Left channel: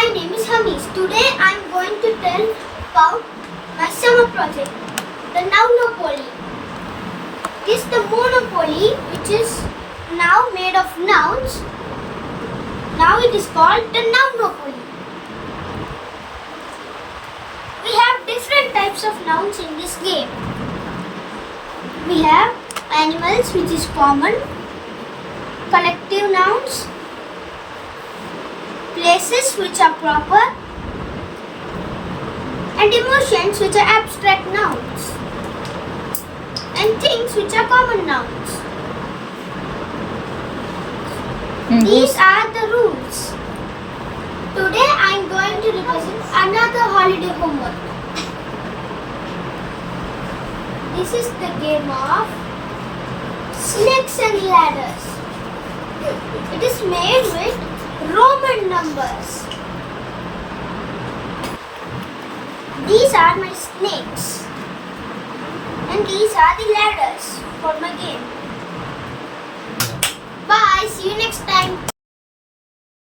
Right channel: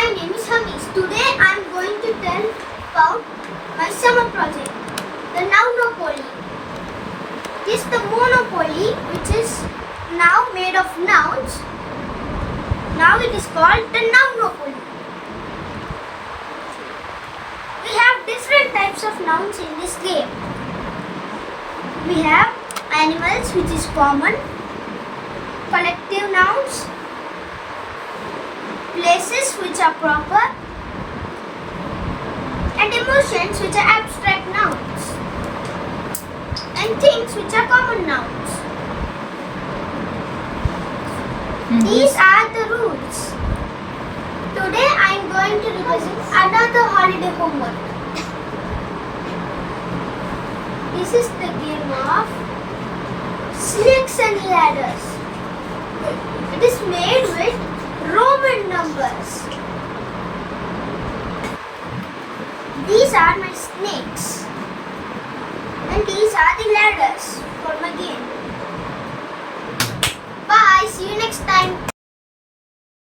My name is Hamis. Today I am going to tell about my summer project, the Nounopoly. It is the monopoly which is now made of nouns. Now it is called the Nounopoly. We have different types of nouns in this game. We have animals, which is common, collective nouns, places, which are proper, and emotions, which are abstract nouns, and things, which are common nouns. These are the rules. Today I am going to represent another holiday homework. This is the game of snakes and ladders. It is made with Roman numbers. These are my snakes, and these are the ladders for my game.